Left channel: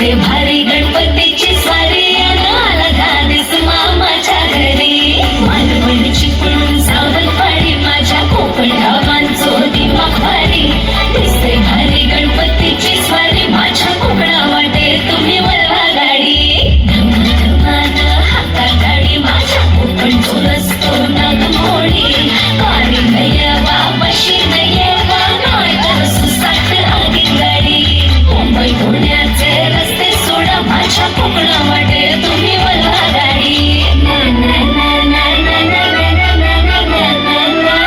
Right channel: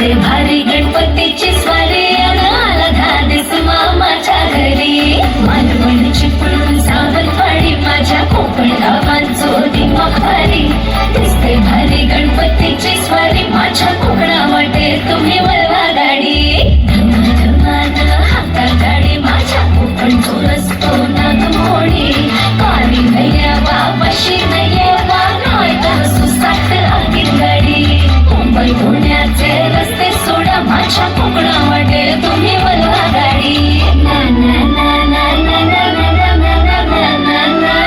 दिसते भारी गणपतीची स्वारी आला धाडस मामाच्या घरी मालवण चिपळूण सावंतवाडी माझ्या कोकण गावांचो दिवा भारी दिसते भारी गणपतीची स्वारी माझ्या कोकणा वाटे तुम्ही वळवा गाडी धमाधमान हाता गाडी माझ्या कोकणचो रस्तो नागमोडी पाणी नया बाबाशी नये गाय सुसाट आगीत गाडी मुंबई पुण्याचे रस्ते सोडा माझ्या कोकणा वाटे तुम्ही वळवा गाडी ना ना ना ना ना ना ना ना ना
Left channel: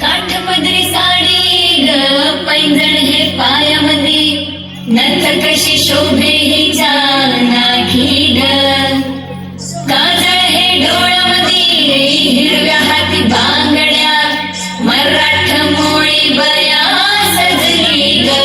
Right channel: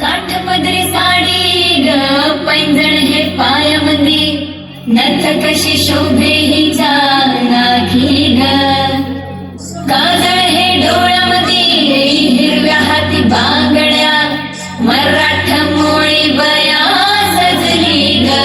काठपदरी साडी ग पैंजण हे पायामध्ये नथ कशी शोभे हिच्या नाकी ग काजळ हे डोळ्यामध्ये हिरव्या हाती बांगड्या मराठ मोळी बया सजली ग